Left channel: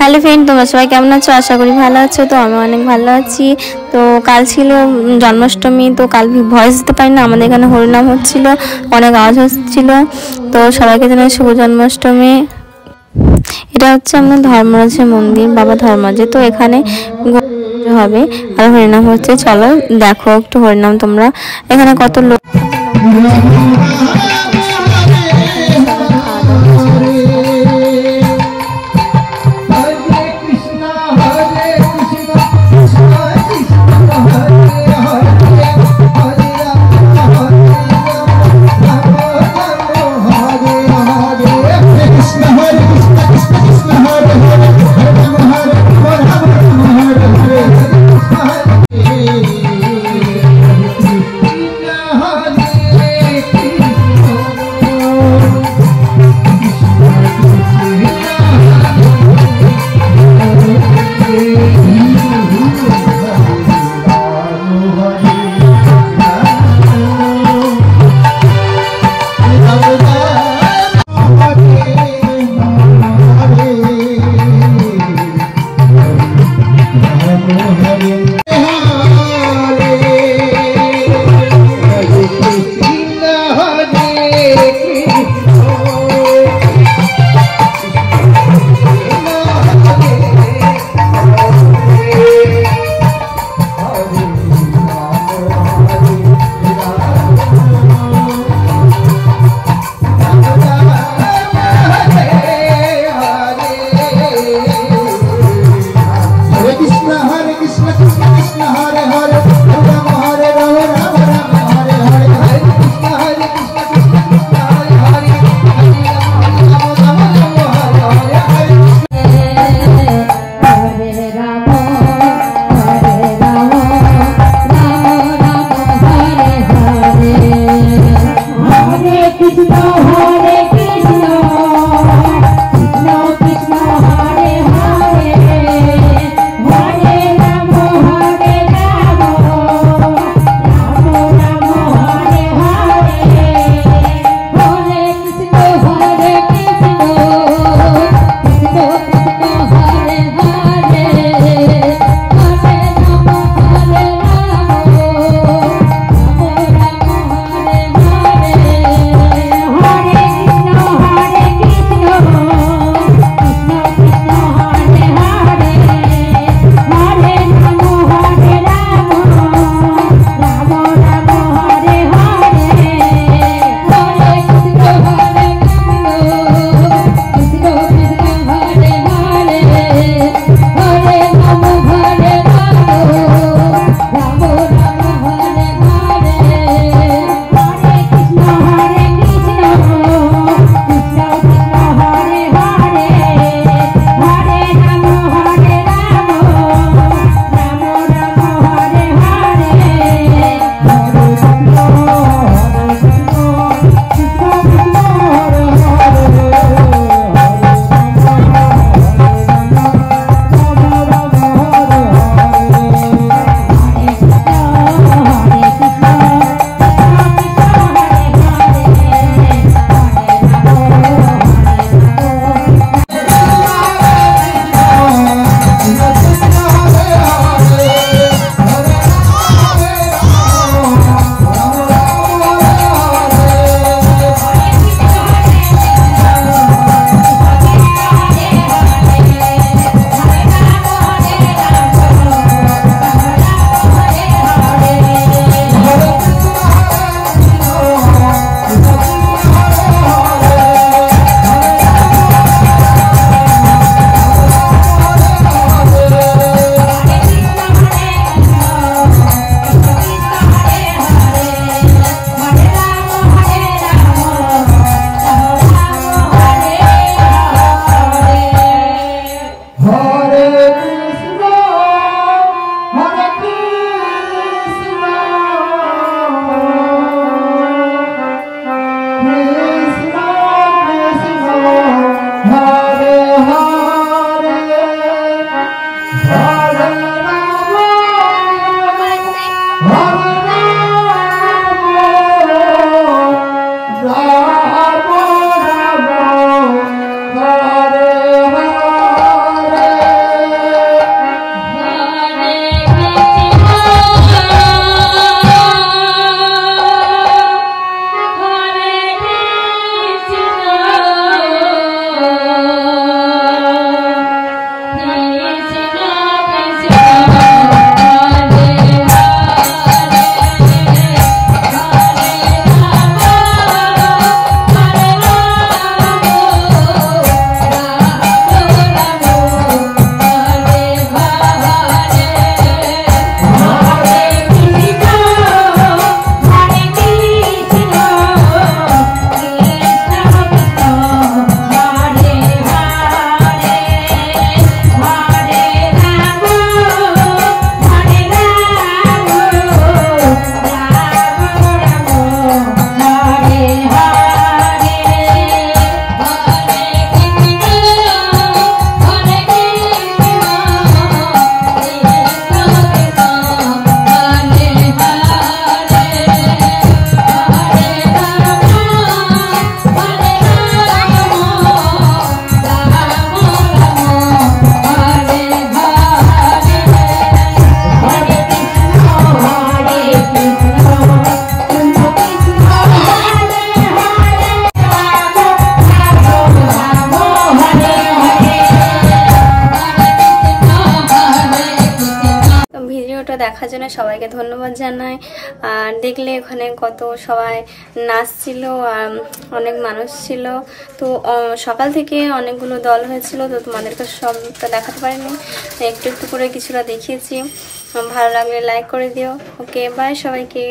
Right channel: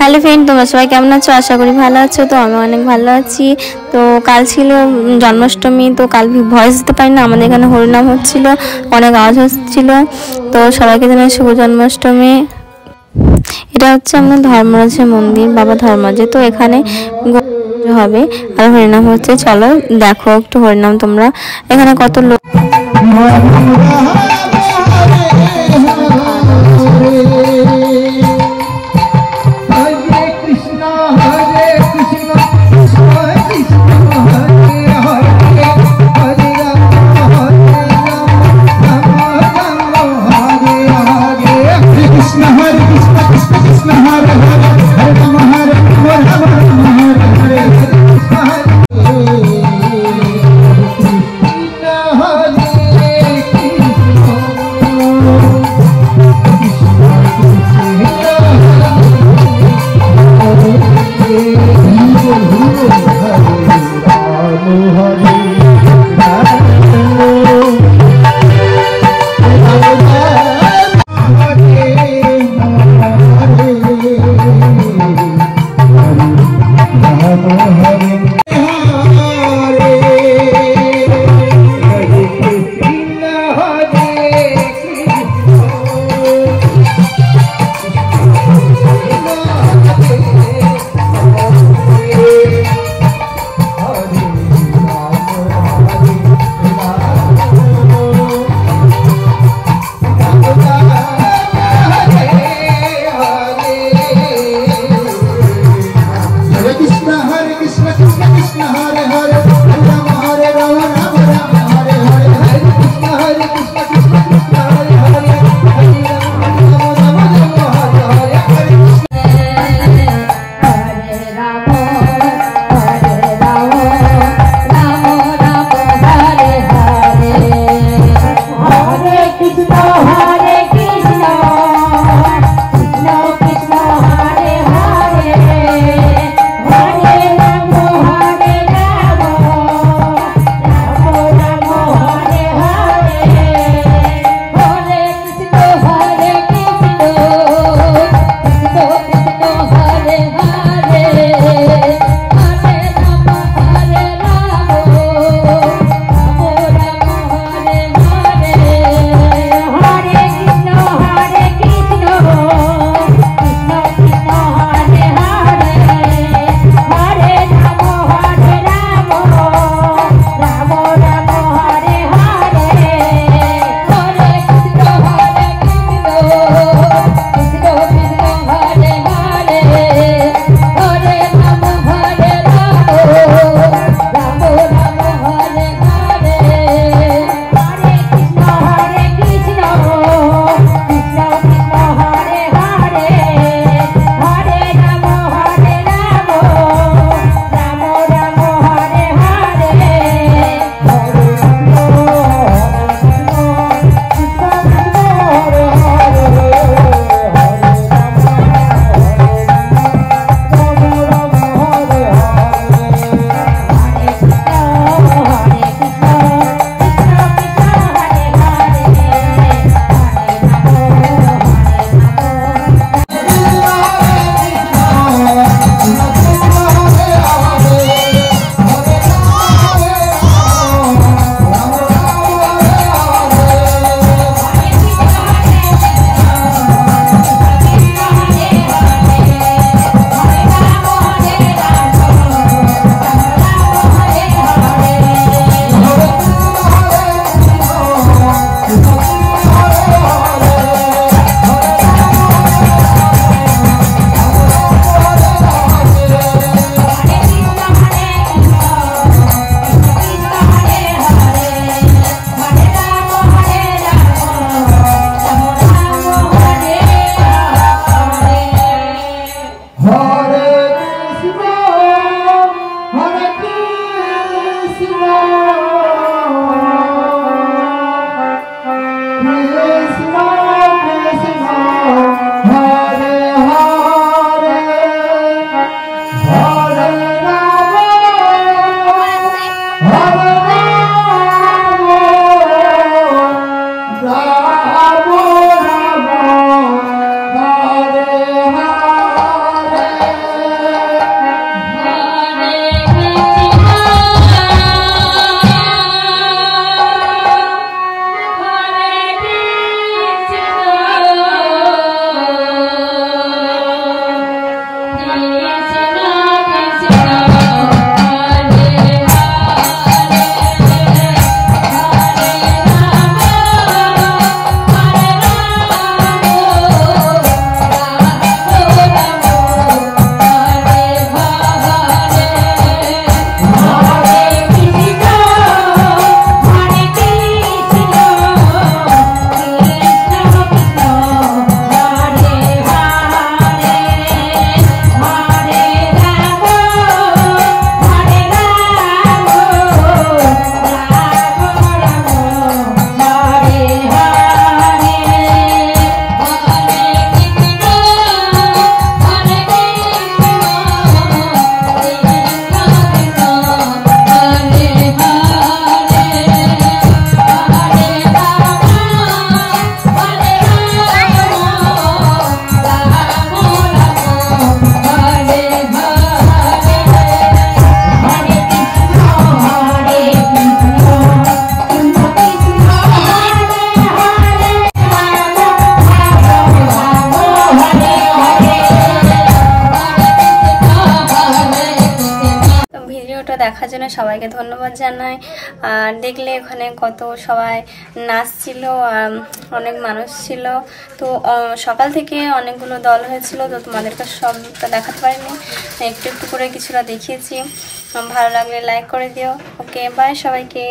Hello friend, তোমরা সবাই কেমন আছো? আশা করি ভালো আছো। তো আমি অনেক ভালো আছি। তো কাল ছিল জন্মাষ্টমী, তো কাল ভয়েস দিতে পারি না, আমাদের এখানে হরিনাম হচ্ছিল, অনেক আওয়াজ হচ্ছিল। তো সবাইকে জানাই শুভ জন্মাষ্টমী। এটা হচ্ছে আমাদের ধর্মরাজের মন্দির, বাবা ধর্মরাজে। তো এখানে হবে আর হরিনাম হচ্ছে। চলো দেখো একটু হরিনাম তোমরা, এখানে কত লোক। দেখার জন্য সবাইকে ধন্যবাদ জানাই। আর দেখলে ওখানে কত সবাই নাচছিল, অনেক মানুষ ছিল। তো সকাল থেকে অনেকগুলো দল হয়েছিল, তো তোমাদেরকে সবটা দেখাতে পারিনি, একটু একটু করে কিছুটা দেখিয়েছি। ভালো লাগলে লাইক করে দিও। ওকে, বাই সবাইকে।